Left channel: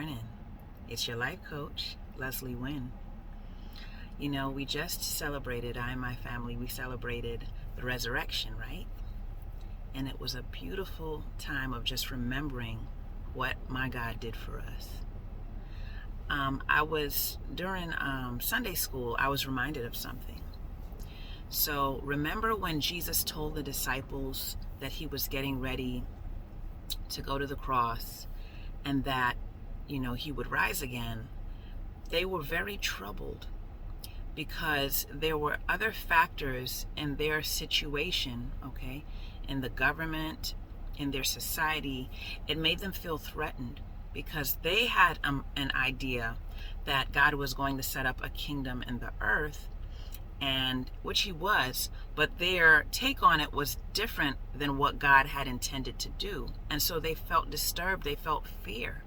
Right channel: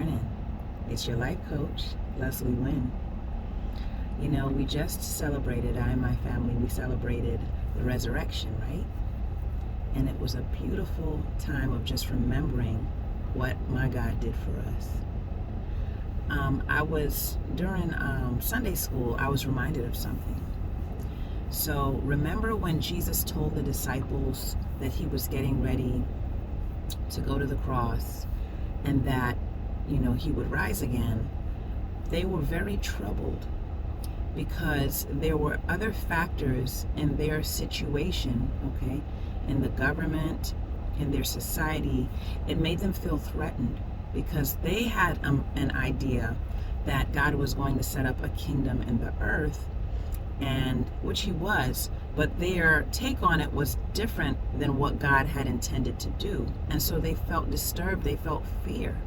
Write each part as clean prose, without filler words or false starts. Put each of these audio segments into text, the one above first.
morning. It's your life coach, Leslie Nguyen. You know, we just celebrated, I and my family, we celebrated the resurrection, right? And it was a beautiful time of just remembering what my God did for us. During Sunday school, I was reminded of something. So remember when Jesus told the disciples that he was getting ready to go to the cross and that, he would rise again? They were very troubled because there were other factors in their situation, okay, in the government, in their society. It made them feel threatened because they had an idea that God was going to set up a kingdom in the earth, and which he was, but their take on it was different than what God had intended to do. And so they felt disturbed, they felt fear.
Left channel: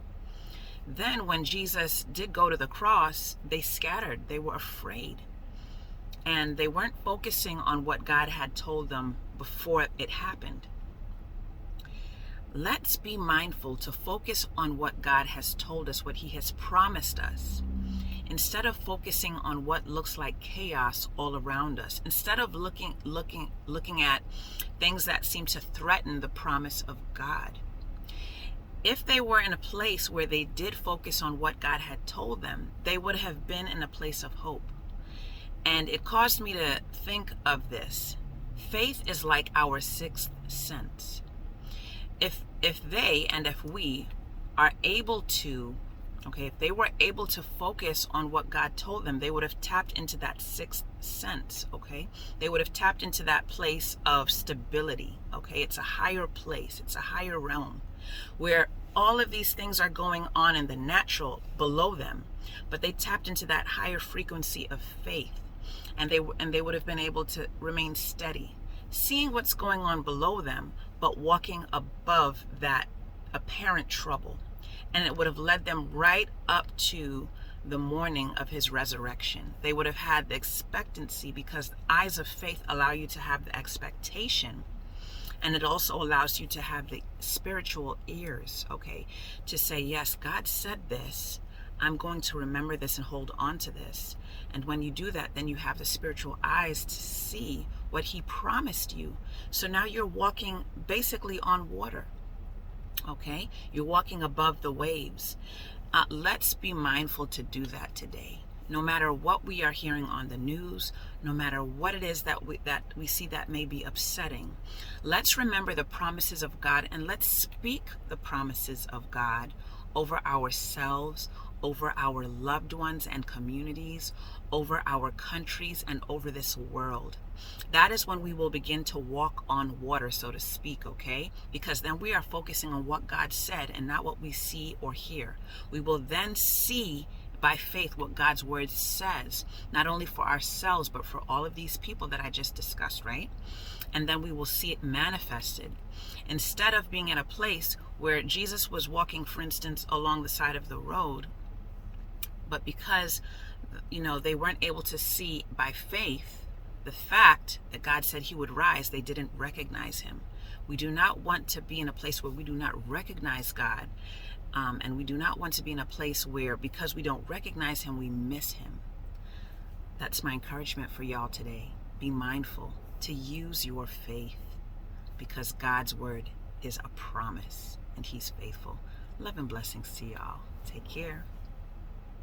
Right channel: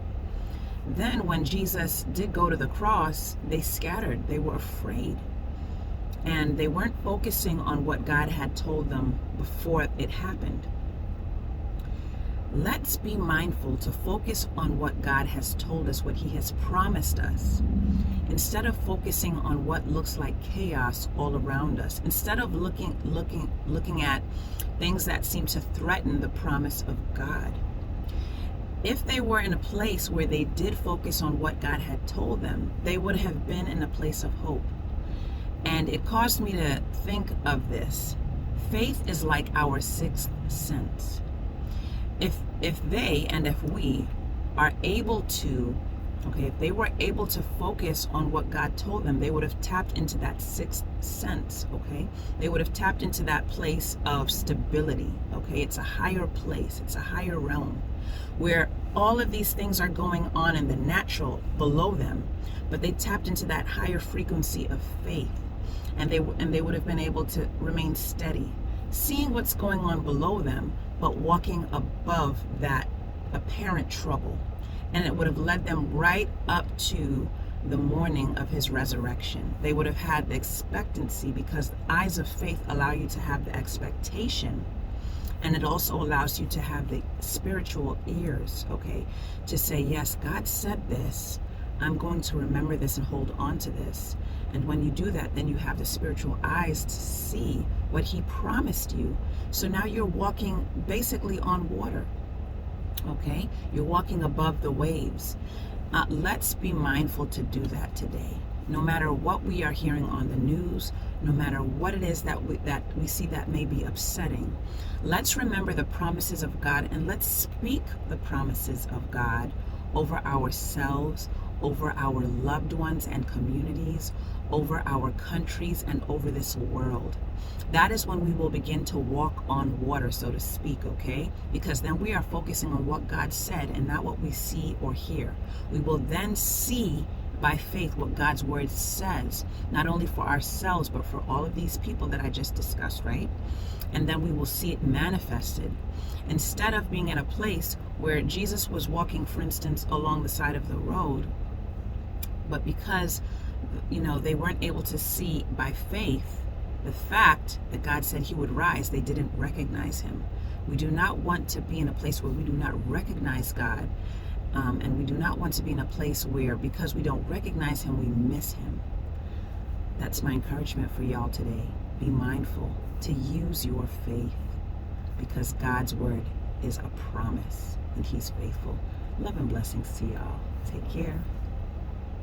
Then when Jesus did go to the cross, they scattered, they were afraid. And they weren't focusing on what God had told them before it happened. Let's be mindful to focus on what God has told us, what he has promised us, instead of focusing on what looks like chaos all around us, instead of looking at things that seem to threaten the promise of God. If they were in a place where they did focus on what God had told them, they would have been in a place of hope. And it caused me to think of this. Faith is like our sixth sense. If they and if we are able to, if they were able to focus on what God told them, they would have tapped into that sixth sense, They would have tapped into that place of stability, It's a higher place, it's a higher realm where all of these things are going on in the natural below them, but they tapped into that higher frequency of faith, and they would have been able to remain steady, seeing what's going on below them, but walking above that apparent trouble. And it would have led them right up to the morning of his resurrection. They would have had the expectancy, because the eyes of faith allow you to have the expectation. And it also allows you to have the spiritual ears, to say, yes, God said this. I'm going to remember this and hold on to this. And when you do that, then you have the spiritual eyes to see what he promised you. So now you're walking basically on water, You're walking above the waves. Let's be mindful to do that today. No matter what we are hearing on the news, no matter what it is that we see that may be upsetting, let's remember the promises of God, and let's speak the promises of God over ourselves, over our loved ones and communities, over our countries, and over this world. That is when we will begin to walk on water, so to speak, Because then we are focusing on what God said and not what we see or hear. We will then see by faith what God's word says, not only for ourselves, but for all of these people that I just discussed, right? And then we will see it manifested. Instead of being in a place where Jesus was walking, for instance, along the side of the road, but because, they weren't able to see by faith the fact that God said he would rise, they didn't recognize him. We do not want to be in a place where we do not recognize God. And we do not want to be in a place where, because we don't recognize him, we miss him. That's my encouragement for y'all today. Be mindful to use your faith, because God's word is a promise and he's faithful. Love and blessings to y'all. Take care.